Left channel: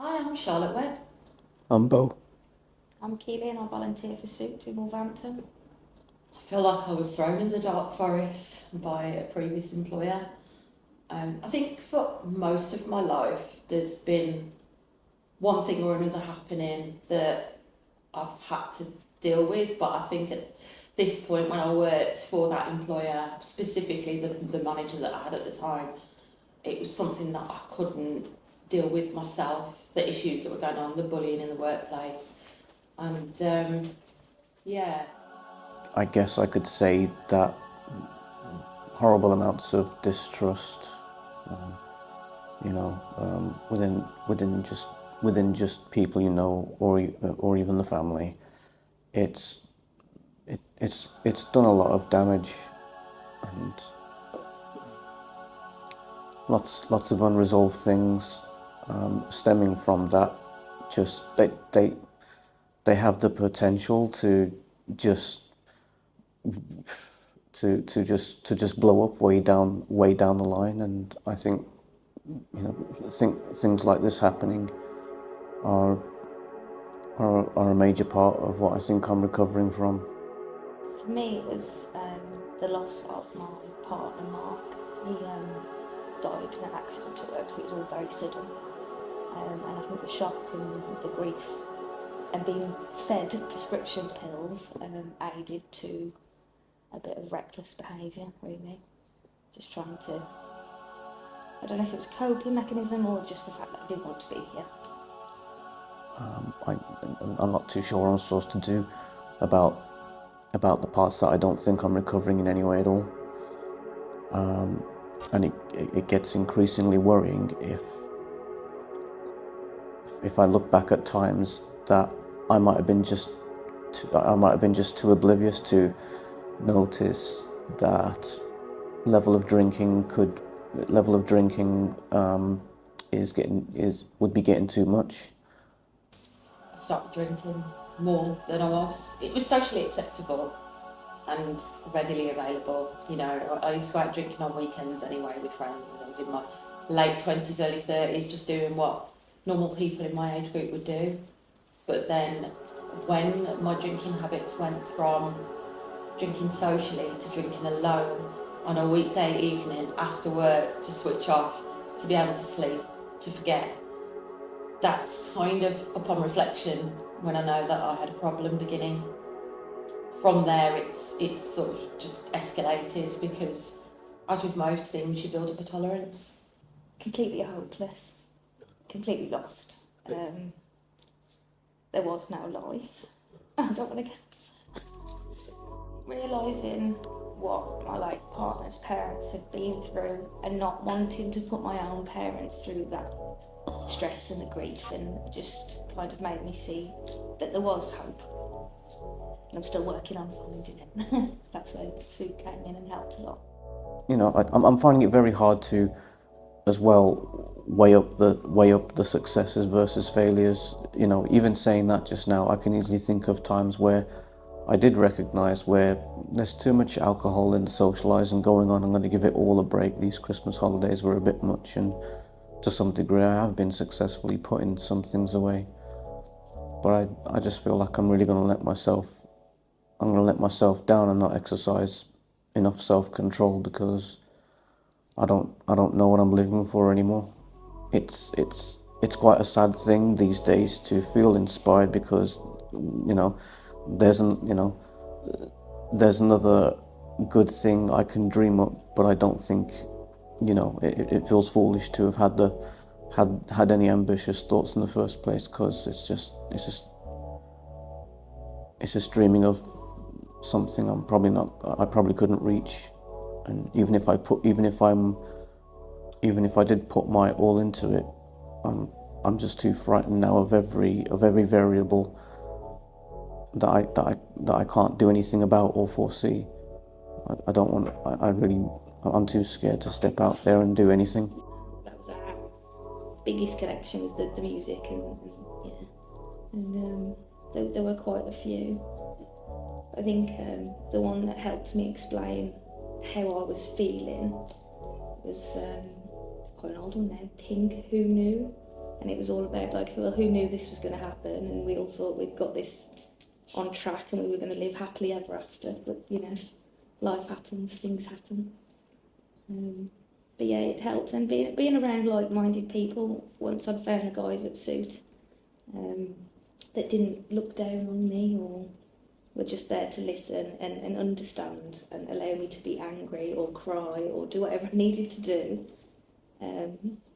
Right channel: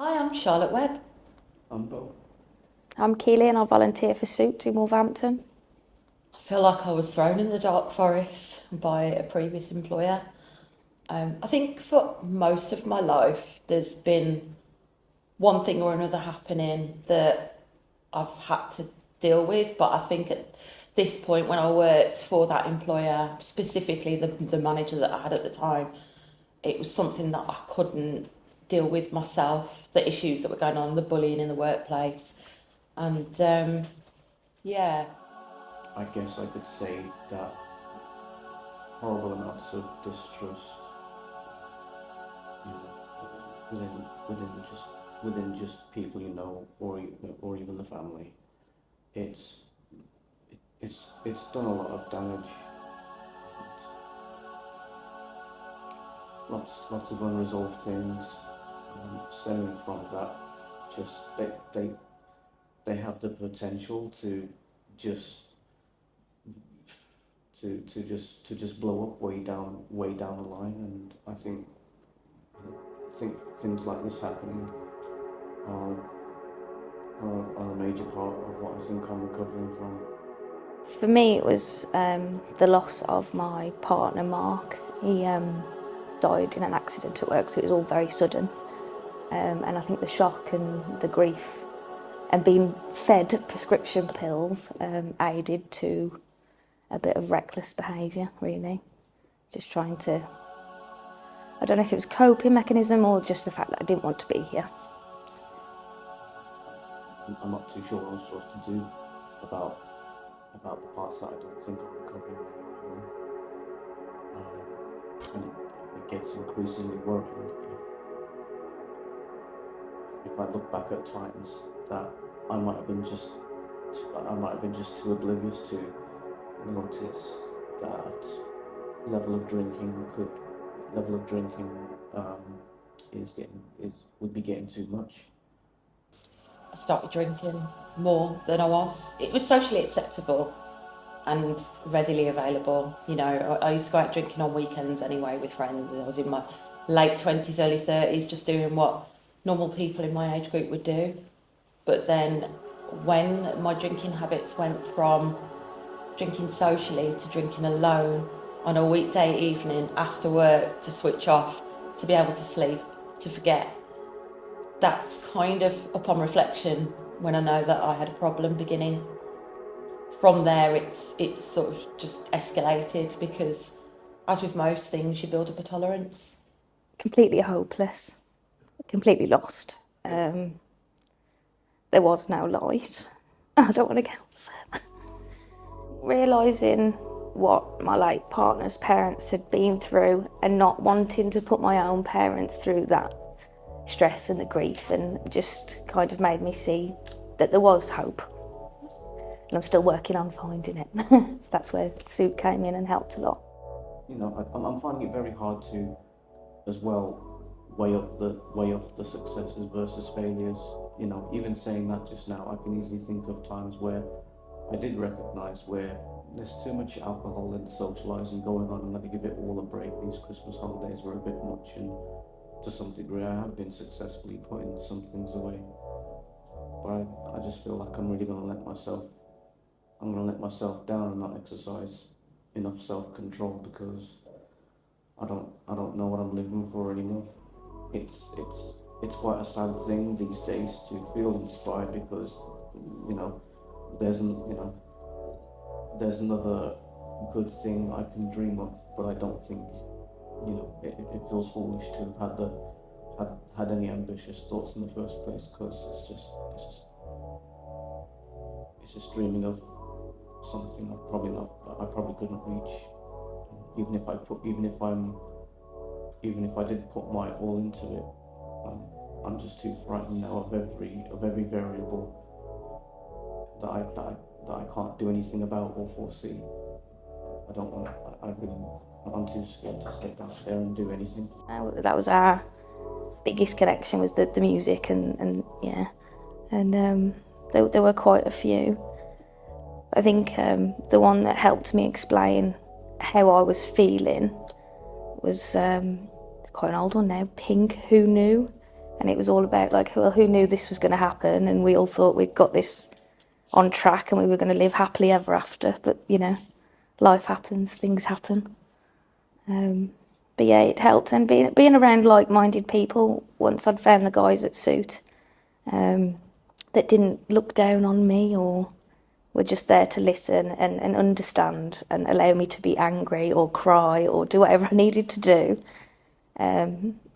Hi, I'm Charlotte Webb. I'm Beau. I'm Keeley and I volunteer for Suits in Wolverhampton. I feel like I was thrown in the dark forest by a previous employer. I think for most of my life, there's been one thing or another happening that I've had to deal with, but I think at this point when I worked for that employer, specifically the manager that I had at the time, it was something that I couldn't deal with myself, the issues that were going on, the bullying in the workplace. And yeah. I guess I could say that horrible amounts of distrust, um, within just people you know, or even the family. It's done a lot of damage, and lots of unresolved things stemming from that. Just they have the potential to just to just blow up way down the line. And I think things like this happening are are a major part of what I think I'm recovering from. For me, it was the loss of my partner, Mark. He died in an accident at work, so it was all very sudden. And I think the shock and the grief and being fed prescription pills aided to a bit of reckless behaviour, really. Just trying to, I don't know if it was a coping mechanism or just the fact that I didn't want to be here. I'm not too sure what I'm supposed to do about the parts that I don't think I'm recovering in any way at all. And it gets increasingly worrying if I look back at times that I might have been just too oblivious to notice that level of drinking would be getting too much. I started drinking more than I was. It was socially acceptable and readily available. You know, I used to go out drinking on weekends anyway with friends. I was in my late 20s, early 30s, just doing what normal people in my age group would do. But then when my drinking habits went from drinking socially to drinking alone on a weekday evening after work to switch off, to be able to sleep, to forget, that's kind of, upon reflection, when I know that I had a problem beginning. From there, it's sort of just escalated because, as with most things, you build up a tolerance. Completely hopeless, completely lost. There was no light. I don't want to get upset. Realising what my late partner's parents had been through and not wanting to put my own parents through that stress and the grief, and just kind of made me see that there was hope. And I'm still working on finding it. That's where Soup came in and helped a lot. I'm finding it very hard to, as well, weigh up the successes versus failures. Even saying that just now, I can easily think of times where I did recognise where there's too much alcohol and socialising going on. I'm going to give it all a break. These Christmas holidays were a bit much, and to some degree I have been successfully putting some things away. But I just feel like I'm really going to let myself down and not exercise enough self-control, because I don't know what I'm living for anymore. It's quite a sad thing these days to feel inspired, because there's another good thing I can dream up, but I don't think it feels foolish to have had any ambitious thoughts in the first place, because it's just dreaming of something I probably couldn't reach. And even if I did put my all into it, I'm just too frightened now of every variable that I can't do anything about or foresee. I'm too scared to step out there and do anything. That was our biggest connection, was the music, and there were quite a few. I think the one that helped me explain how I was feeling was, it's quite an old one now, Pink, Who Knew? And it was all about like, well, who knew this was going to happen? And we all thought we'd got this on track and we were going to live happily ever after. But, you know, life happens, things happen. But yeah, it helped. And being around like-minded people, once I'd found the guys at Suit that didn't look down on me or were just there to listen and understand and allow me to be angry or cry or do whatever I needed to do.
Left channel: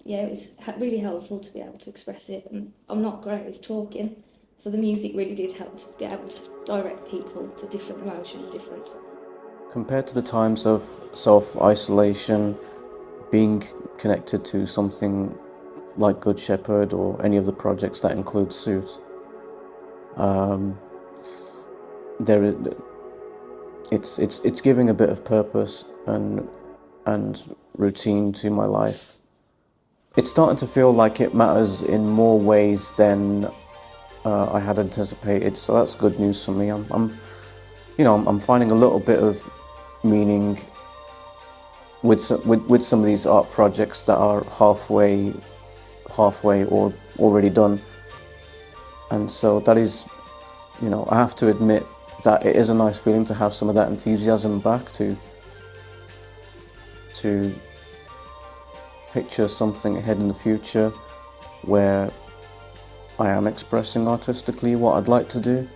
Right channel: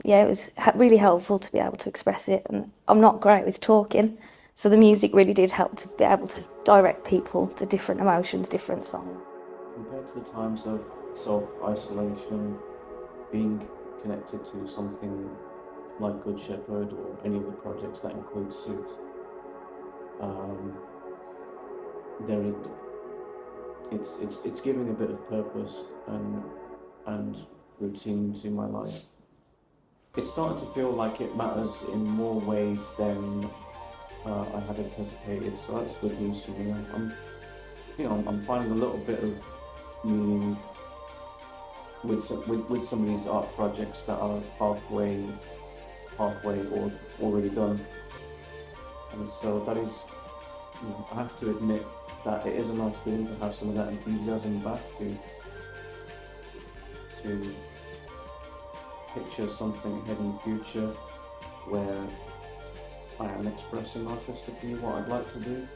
Yeah, it was really helpful to be able to express it, and I'm not great with talking, so the music really did help to be able to direct people to different emotions, different songs. Compared to the times of self-isolation, being connected to something like Good Shepherd or any of the projects that include Suit, it's giving a bit of purpose and routine to my life. It's starting to feel like it matters in more ways than I had anticipated, so that's good news for me. I'm finding a little bit of meaning with some of these art projects that are halfway or already done, and so that is, I have to admit that it is a nice feeling to have some of that enthusiasm back, to picture something ahead in the future where I am expressing artistically what I'd like to do.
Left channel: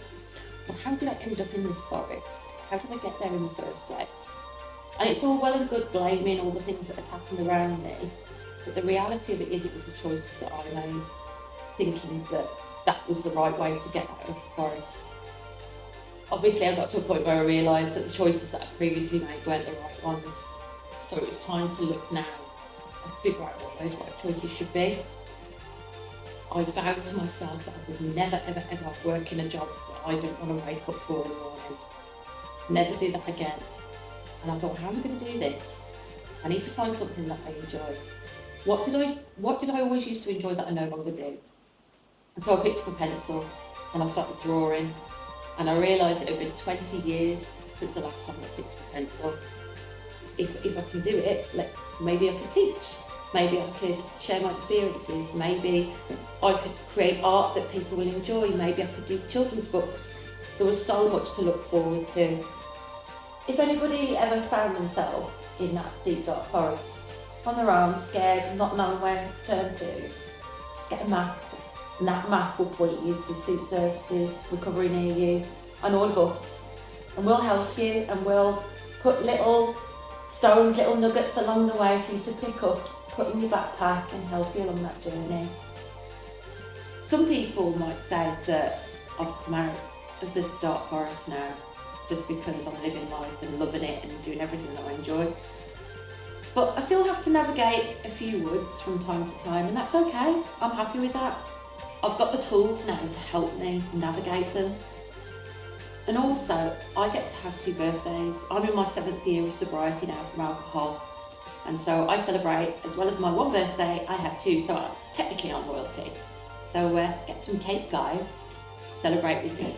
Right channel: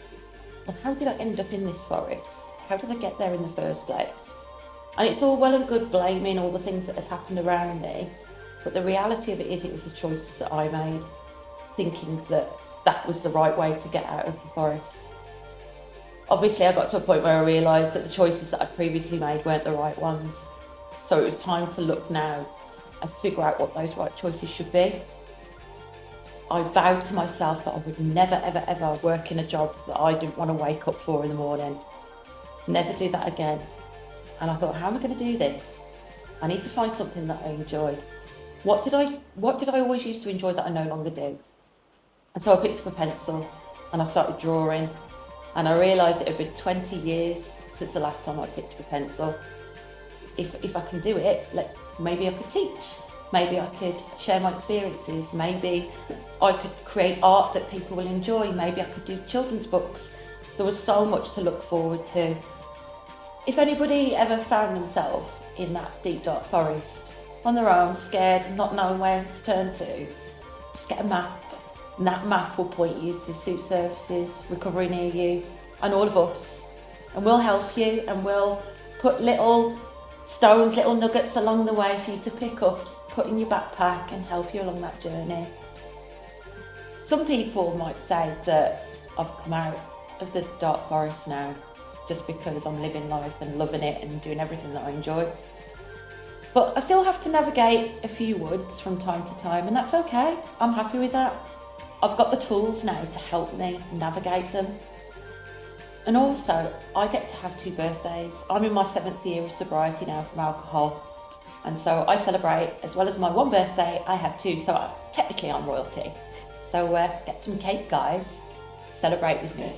And how did I end up in this forest? How did I get there in the first place? And it's all well and good blaming all the things that had happened around me, but the reality of it is it was the choices that I made, thinking that that was the right way to get out of the forest. Obviously I got to a point where I realised that the choices that I'd previously made weren't the right ones, so it was time to look now and figure out what those right choices should be. I vowed to myself that I would never, ever, ever work in a job that I didn't want to wake up for in the morning. Never do that again. And I thought, how am I going to do this? I need to find something that I enjoy. What did I always used to enjoy that I no longer do? And so I picked up a pencil and I started drawing, and I realised it had been 20 years since the last time I picked up a pencil. If I can do it, maybe I could teach, maybe I could share my experiences, maybe I could create art that people will enjoy, maybe I could do children's books. There was so much to look forward to. If anybody ever found themselves in that deep dark forest, on their own, scared, not knowing where to turn to, just get a map, and that map will point you to Suit services, recovery near you, and all of us, and we'll help you, and we'll put little stones, little nuggets along the way for you to pick up, put in your backpack and help you along that journey. Some people might say that I've come out of the dark forest now just because I'm living life and loving it and doing everything that I enjoy. But I still have to navigate a few woods from time to time, and that's okay. I'm happy with that. I've got the tools now to help me navigate them. And also, I get to have 2 birthdays. I'm in my 7th year of sobriety now from alcohol. And so I celebrate, as well as my 1 birthday, I have 2, so technically I'm royalty. So get some cake, guys. Celebrate with me.